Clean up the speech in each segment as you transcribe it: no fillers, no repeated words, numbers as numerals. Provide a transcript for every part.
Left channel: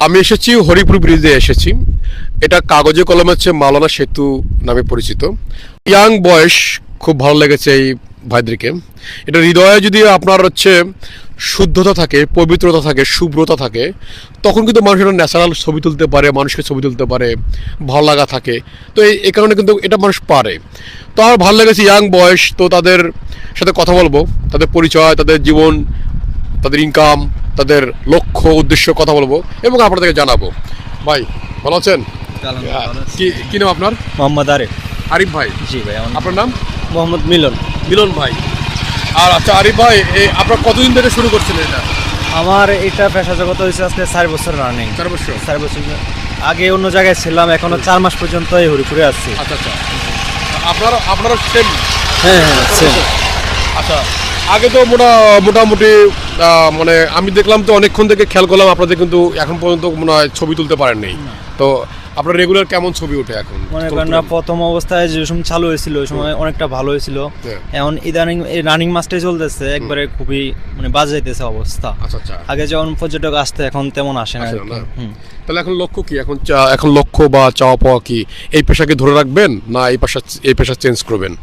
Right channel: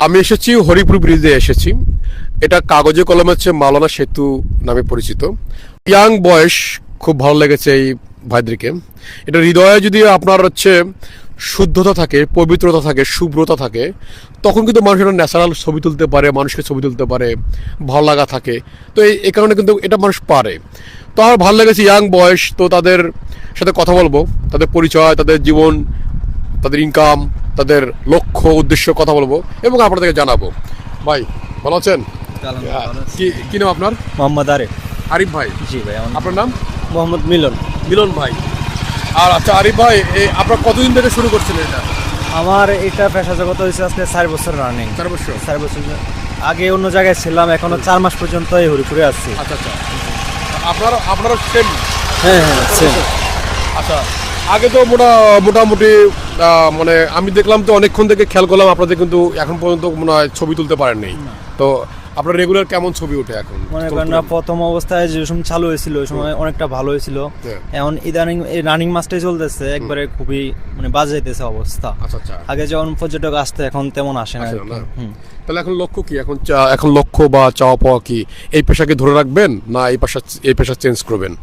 আমি এসেছি হরিপুর ব্রিজে এসেছি। এটা কাগজে কলমে হচ্ছে মাওলানা সেতু নামে পরিচিত। ইয়াং বয়স, খুব ভালো লেগেছে এই ভাইদেরকে। এটা হৃদয়ে যদি আপনার হচ্ছে শুদ্ধতা থাকে, পবিত্রতা থাকে, শুভ্রতা থাকে, তখন কিন্তু মানুষ একটা ন্যাচারাল ছবি তুলতে পারে, মানুষকে ছবি তুলতে পারে, ভালো লাগা থাকে। তো এই কারণে কিন্তু এটা মানুষ পারে। তো আমার ভালো লেগেছে ইয়াং বয়স, তো তাদের সাথে কথা বলবো, তাদের পরিচয়, তাদের জীবন, তাদের ইনকাম, তাদের লক্ষ্য উদ্দেশ্য কথা বলবো এবং আপনাদেরকে জানাবো। ভাই ভালো আছেন? কি নাম আপনার? মোহাম্মদ আরিফ। আরিফ ভাই। জি ভাই। আপনার নাম? মোহাম্মদ মিলন। মিলন ভাই। আর আচ্ছা আরিফ ভাই, আপনার কতদিন ধরে শুরু করছেন এটা? আমার এটা পেশা জগৎ হয়েছে আজকে 4 বছর রানিং। 4 বছর। 4 বছর আগে অন্য জায়গায় ছিলাম, এখনো 4 মাস পর্যন্ত এই হরিপুরে আসছি। আচ্ছা আচ্ছা। আপনারা সেম? হ্যাঁ হ্যাঁ সেম। আচ্ছা, আগে তো মোটামুটি মানে আমি দেখলাম তো অনেকক্ষণ থেকে খেয়াল করলাম আপনাদের কিন্তু এখন পর্যন্ত মনে হয় ছবি তুলতে পারেননি। তো আপনার রেগুলার কেমন ছবি ওঠে এখন? মনে করেন না, প্রথম অবস্থায় যে সময় চালু হয়েছিল ওই সময় অনেকটা ভালো হয়েছিল। এখন ইদানিং এই রানিং মাসটাই চলতেছে, একবারে খুবই মানে বাজে যাইতেছে অবস্থা। আচ্ছা আচ্ছা। আগে যেমন পর্যটক আসতে এখন তেমন আসে না। তাহলে এখন লক্ষ্য কি? এখন লক্ষ্য বা চাওয়া পাওয়া কি? এই পেশাকে ধরে রাখবেন না এই পেশা চেঞ্জ করবেন?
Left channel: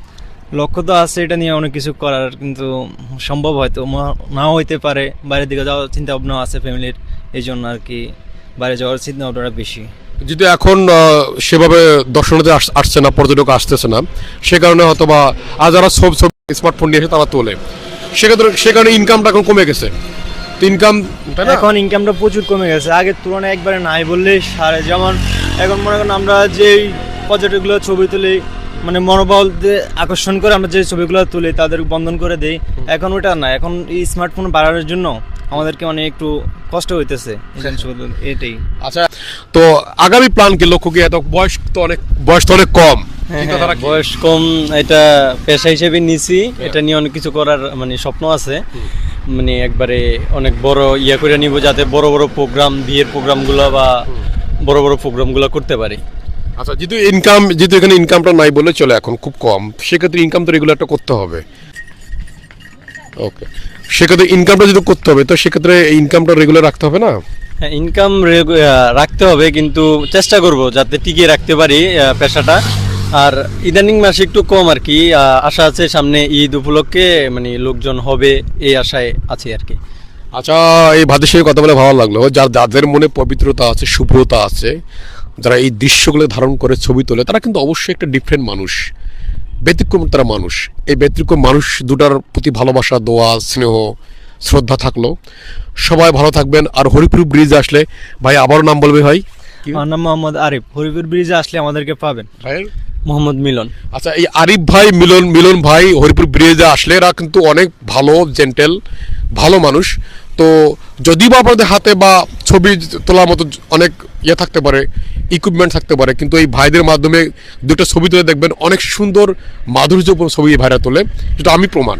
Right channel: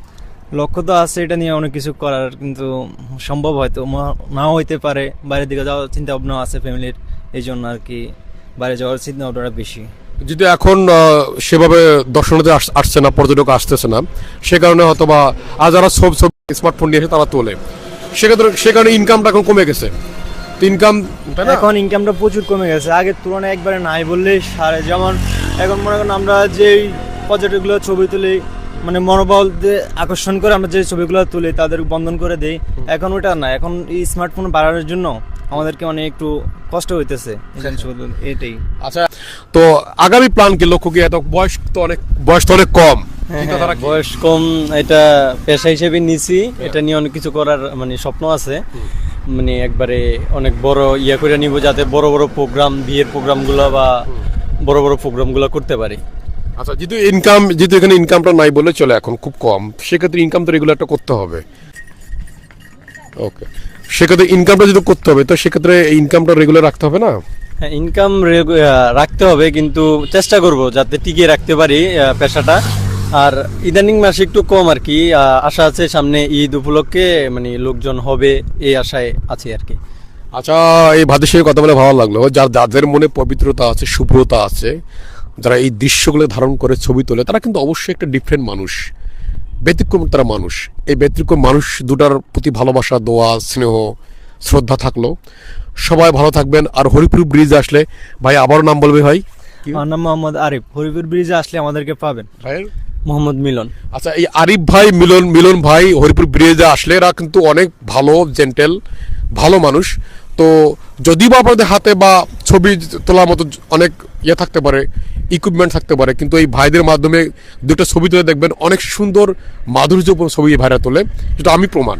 লক্ষ্য তো আছে, এটা নিয়ে অনেক কিছু করার, কিন্তু সম্ভব হয়তো নাও হইতে পারে। বাইরের দিকে যাওয়ার চিন্তা ভাবনা আছে ফ্যামিলির, এই জন্য আর কি বাইরে যাওয়ার চিন্তা ভাবনাটা বেশি। যদি এখন সেভাবে দর্শনার্থী আসছে না, পর্যটক আসতেছে না, সে কারণে হয়তো বা আর যারা ছবি স্মার্টফোন নিয়ে এসে তারা তোলে, সে কারণে ইনকামটা এখন কমে গেছে। ইনকাম এখন ইনকামটা প্রচুর কমে গেছে, আগের তুলনায় একবারে নাই বললেই সারে। যেমন এখন মনে করেন আমরা যেই পর্যটকগুলো ছবি তুলি, মানে মনোবল দিয়ে আকর্ষণ করে আমরা যে ছবিগুলো তুলি তাদের বন্ধন করে দেই, এখন ওটা না। এখন এই স্মার্টফোন বাড়ানোর জন্য আমাদেরকে মানে একটু কষ্ট হইতেছে এটাই। আচ্ছা, তো আগামী প্ল্যান কি, লক্ষ্য কি? এত বয়স তো অনেক কম। বয়স কম, এটা পেশা হিসেবে নিছি। এটা নিয়ে অনেক কিছু করার মানে স্বপ্ন আছে, মানে একবারে অনেক বড় করে নিব, যাতে বড় বড় প্রোগ্রাম, বিয়ের প্রোগ্রামগুলো বা বড় বড় প্রোগ্রামগুলো করতে পারি। আচ্ছা, যেহেতু এখানে ইনকামটা নাই বলে চলে, এখন খুব কম, সেক্ষেত্রে ইনকাম তো রেগুলারটা করতে হবে। ওকে, সেক্ষেত্রে ইনকামটা যদি করতে হবে, তো সেক্ষেত্রে ইনকামটা রেগুলার রাখতে হবে না? হ্যাঁ, ইনকাম রাখতে হবে, কিন্তু চেষ্টা করব যাতে টিকিয়ে রাখতে পারি পেশাটা। আর ইদানিং মাসে একটু কম আর কি, আশা আছে সামনে ঈদ উপলক্ষে মানে লোকজন হবে, এই আশায় আছি আর কি। আচ্ছা, এই ভাইদের সঙ্গে কথা বলে ভালো লাগলো। যাদের মনে পবিত্রতা আছে, শুভ্রতা আছে, যারা এই দৃশ্যগুলো ধারণ করে ছবি তোলে, তারা কিন্তু অবশ্যই একটা ডিফারেন্ট মানুষ, ব্যতিক্রম তারা মানুষ। এই ব্যতিক্রম মানুষ দুটার প্রতি ভালোবাসা, দোয়া, স্নেহ, শ্রদ্ধা থাকলো। সবাই ভালো থাকবেন। আর হরিপুর ব্রিজ আসলে, ভাই আবারও নাম বলবে ভাই? আমার নাম মোহাম্মদ আরিফ। হরিপুর ব্রিজে আসলে আমাদেরকে পাবেন। ভাইয়ের মোহাম্মদ মিলন। আচ্ছা, এই আরিফ ভাই, মিলন ভাই হরিপুর ব্রিজে আসলে এরা কিন্তু অনেক ভালো, জেন্টেল, ভালো মানুষ। তো যদি বা আপনাদের হাতে বা ছবি তোলার মতো অনেক থাকতে পারে, ইকুইপমেন্ট থাকতে পারে, কিন্তু এই ভাইদের মাধ্যমে দুটো ছবি তুলে দেখবেন, অনেক সুন্দর মাধুর্যপূর্ণ ছবি এই ভাইরা তোলে, যেটা আমি প্রমাণ।